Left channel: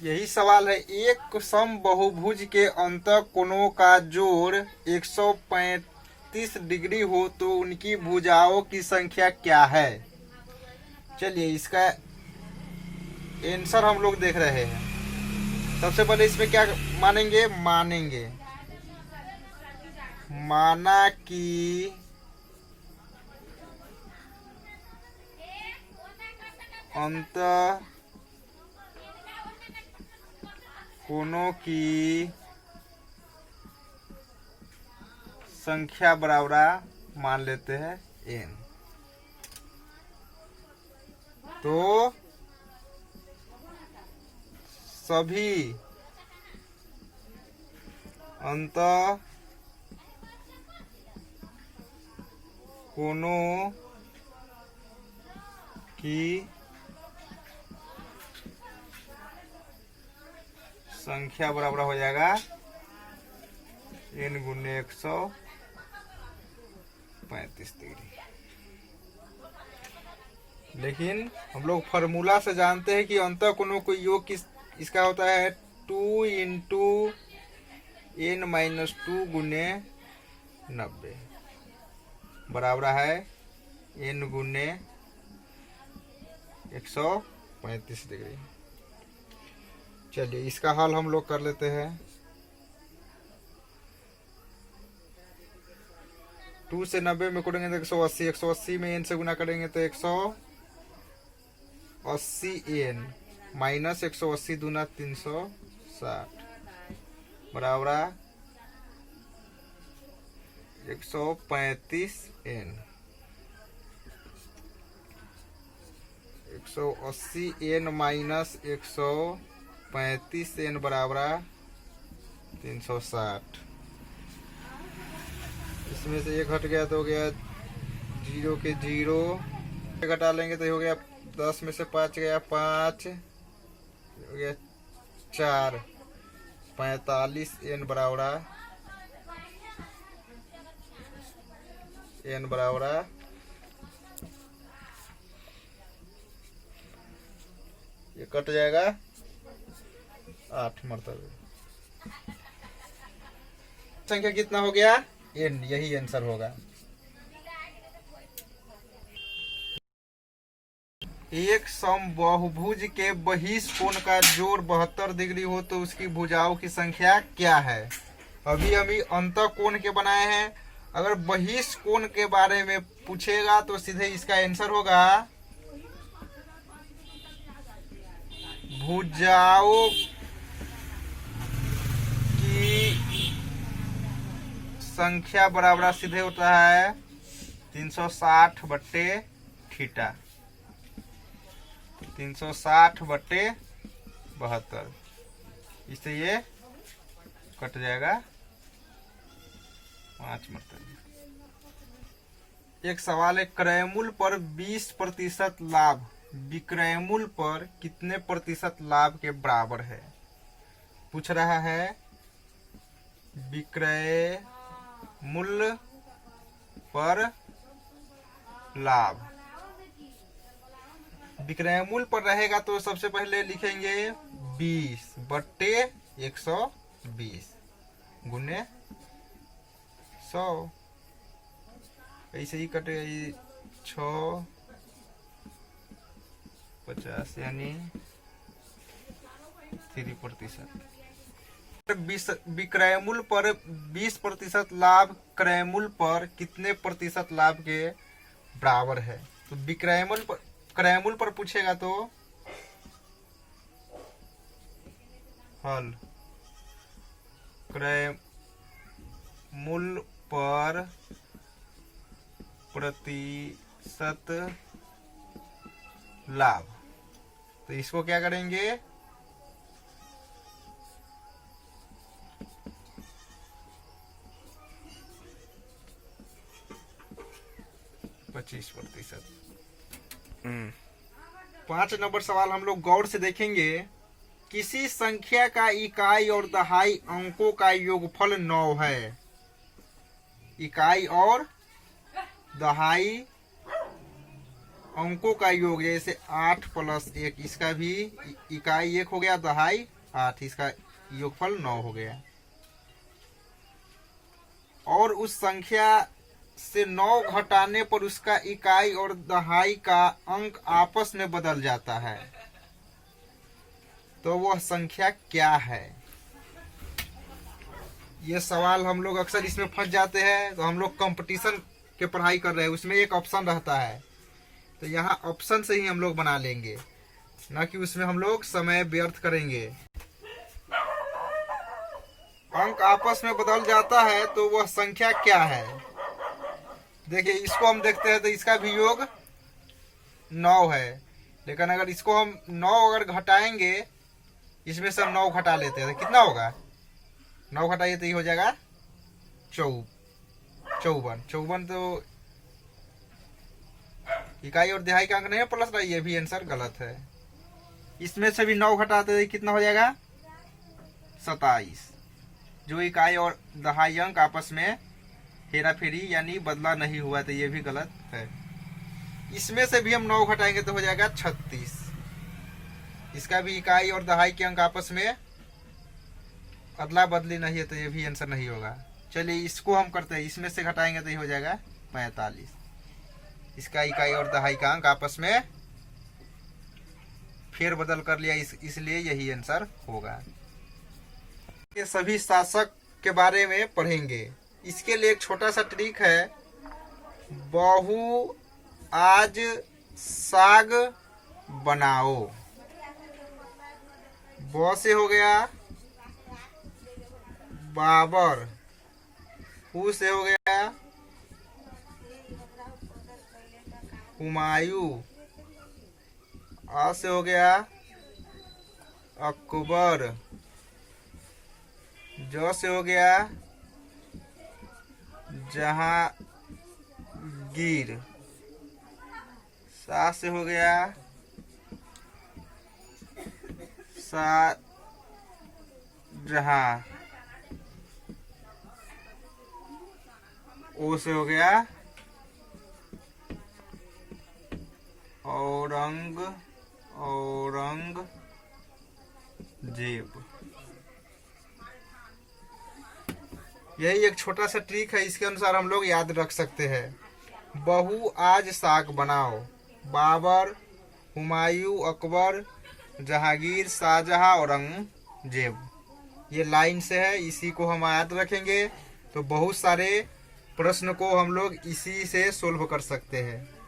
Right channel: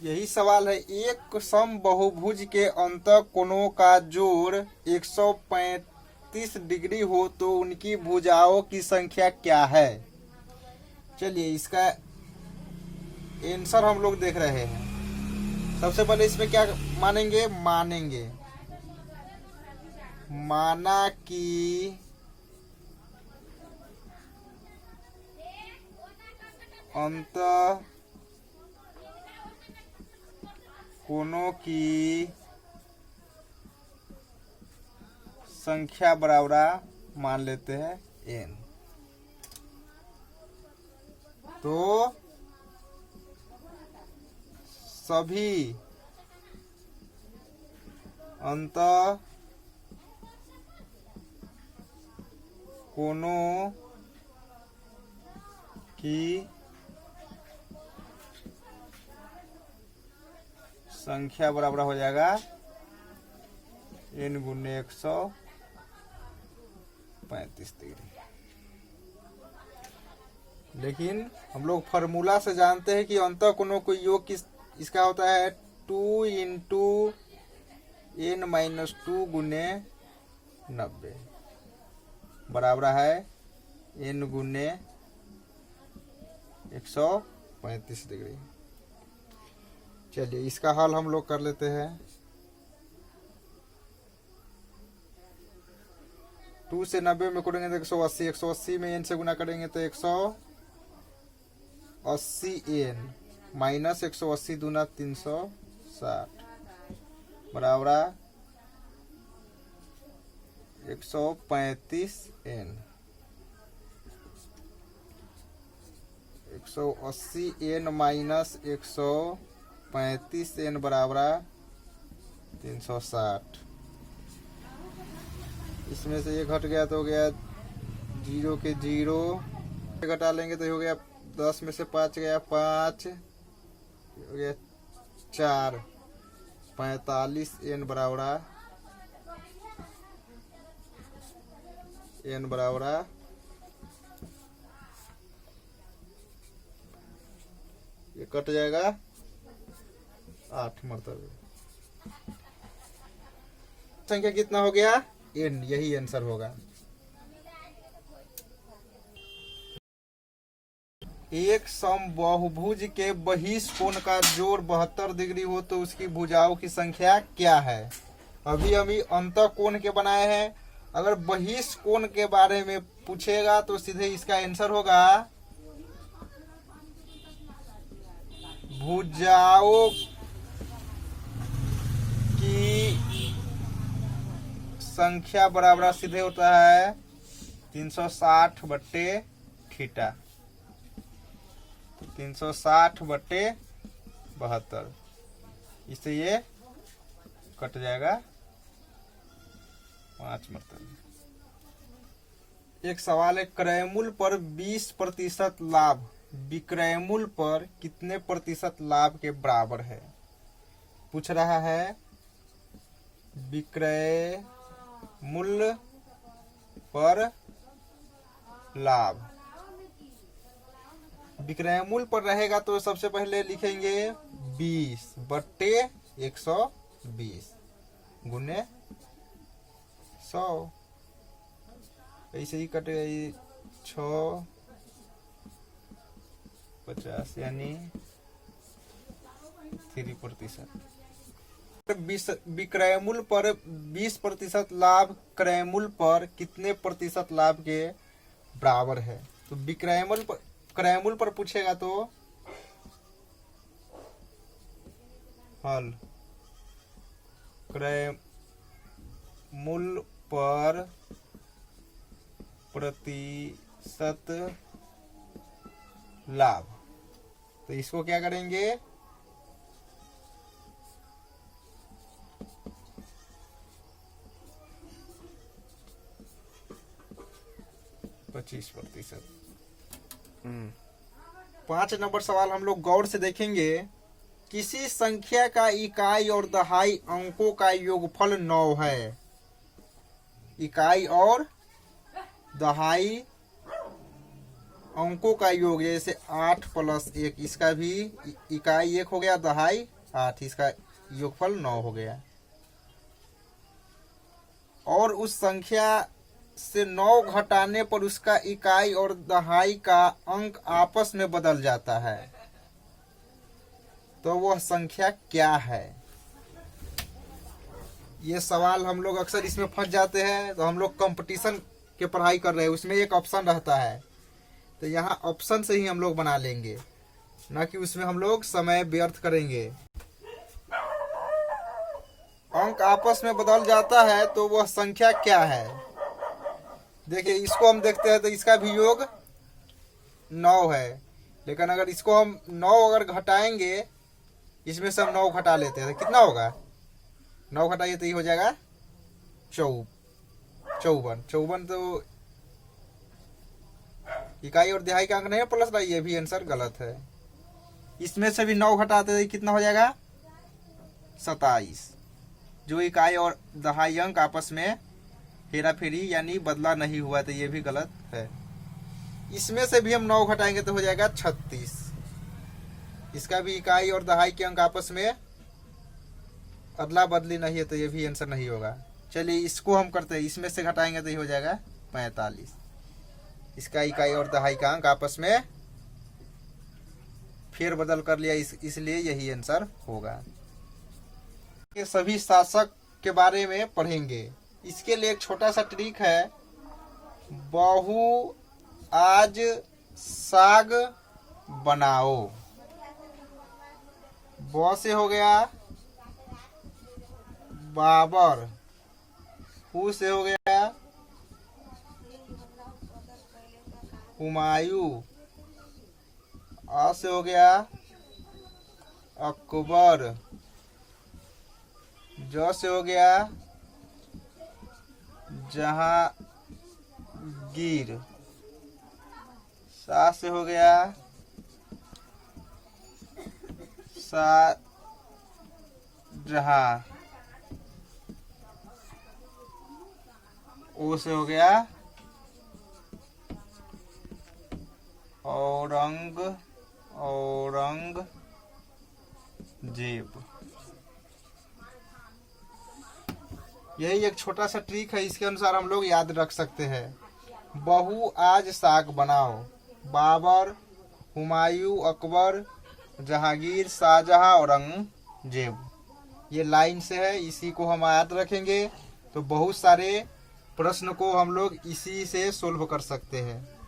यही सवाल है। एक सम बहुभुज के अंतः कोणों का जोड़ 135 डिग्री हो तो उनकी भुजाओं की संख्या क्या है। चलिए इसका आंसर हम लोग देख रहे हैं। सबसे पहले इसमें क्या मानेंगे, माना कि अंतः कोणों की संख्या बराबर मान लेते हैं n। तो सभी अंतः कोणों की संख्या बराबर हो जाएगा n गुने 135 डिग्री। लेकिन हम लोग फार्मूला से जानते हैं कि अंतः कोणों को योग किस इसका होता है 2 इंटू n-2 गुने 90 बराबर है n गुने 135 डिग्री। चलिए इसका हल हम लोग कर लेते हैं। 2 से 90 में करेंगे तो 180, 180 में n से गुना करेंगे तो 180 n माइनस 180 दूना 360 बराबर 135 n। 180 n माइनस 135 n बराबर 360। इसमें से एक हट गया तो हो गया 0 के 0, घटा लेंगे तो हो गया 10 में से 5 गया 5, हो गया 4, 45 n बराबर ये कट जाएगा 8 मरतबे। संख्या कितना हो गया n, यही आंसर होगा। एक सम बहुभुज के बहिष कोण का जोड़ 72 डिग्री हो तो उसकी भुजाओं की संख्या क्या है। अभी हम अंतः कोण के बनाए हैं। अगर बहिष कोण के बारे में पूछेगा तो सीधे इसका आंसर होगा भुजाओं की संख्या बराबर सीधे होता है 360 बट्टे थीटा, 360 बट्टे 72। इससे ये कट जाएगा 5 मरतबे। एक सवाल है, क्रयमूल पर 20% लाभ विक्रयमूल पर कितने प्रतिशत लाभ के बराबर है। पूछ रहा है विक्रय मूल्य पर लाभ। विक्रय मूल्य पर रहेगा तो सबसे पहले लिखेंगे 20 बट्टे 120 गुने 100। ऐसे ही कटेगा ये 6 50 यानी 3%। विक्रय मूल्य पर 20% लाभ क्रय मूल्य पर कितने प्रतिशत लाभ के बराबर है। तो विक्रय मूल्य पर क्रय मूल्य पर पूछेगा तो हल क्रय मूल्य पर प्रतिशत लाभ। तो इसको क्या करेंगे 25%। 5 नंबर सवाल हम लोग गौर से देखेंगे। किसी संख्या का इकाई और दहाई अंकों का योगफल 9 है। इकाई और दहाई अंकों का योग, जैसे 8 + 1, इसका भी इकाई 1 हो गया, दहाई 8, इसका योगफल 9 हो गया। और उस संख्या से 9 घटाने पर उसका इकाई और दहाई का अंक आपस में बदल जाता है, तो वह संख्या क्या है? ये सवाल हम लोग अक्सर इसमें फंस जाते हैं। तो हम लोग कंपटीशन के पढ़ाई कर रहे हैं, उसमें एक ऑप्शन रहता है, तो यहाँ ऑप्शन से ही हम लोग बना लेंगे, ना कि उसमें हम लोग समय व्यर्थ करेंगे। अंक आपस में बदल जाता है तो वह संख्या क्या है? देखिए, इसको हम देखते हैं तो इसका भी योग 9 है, लेकिन अगर इसको हम 9 अगर घटाएंगे, इसमें से हम 9 घटा लेते हैं तो कितना होगा? 9 घटाइए तो ये हो जाएगा 54। 54 तो इकाई और दिहाई का अंक नहीं है प्लस का, ये भी आंसर गलत है। इसमें से भी 9 घटाते तो कितना हो जाएगा? 27। जो इकाई और दहाई अंक आपस में हेरा फेरी यानी बदला नहीं हुआ, तो ये भी गलत है। इसमें से भी हम 9 घटाएंगे तो हो जाएगा 36। इसका भी इकाई और दहाई के अंक आपस में अदला बदली नहीं है, तो ये भी आंसर नहीं होगा। चलिए इसको हम करते हैं, इसमें से घटाएंगे तो ये हो जाएगा 45। इसका इकाई और दहाई का अंक आपस में फेर बदल कर लिया, इसलिए यही आंसर होगा। ये सभी शासक के बारे में पढ़ेंगे। इसके लिए एक छोटा सा ट्रिक है। बहु आज साग बनाओ। ब से हो गया बाबर, हु से हो गया हुमायूं, आ से हो गया अकबर, ज से हो गया जहांगीर, सा से हो गया शाहजहां, ओ से हो गया औरंगजेब। यही एक छोटा सा ट्रिक है, इसके अनुसार हम लोग याद रख सकते हैं। बहु आज साग बनाओ। बाबर, हुमायूं, अकबर, जहांगीर, शाहजहां, औरंगजेब, ये लाइन से है, इसी को हम याद रखेंगे तो बहुत सारे प्रश्न को हम लोग इसी से सोल्व कर सकते हैं।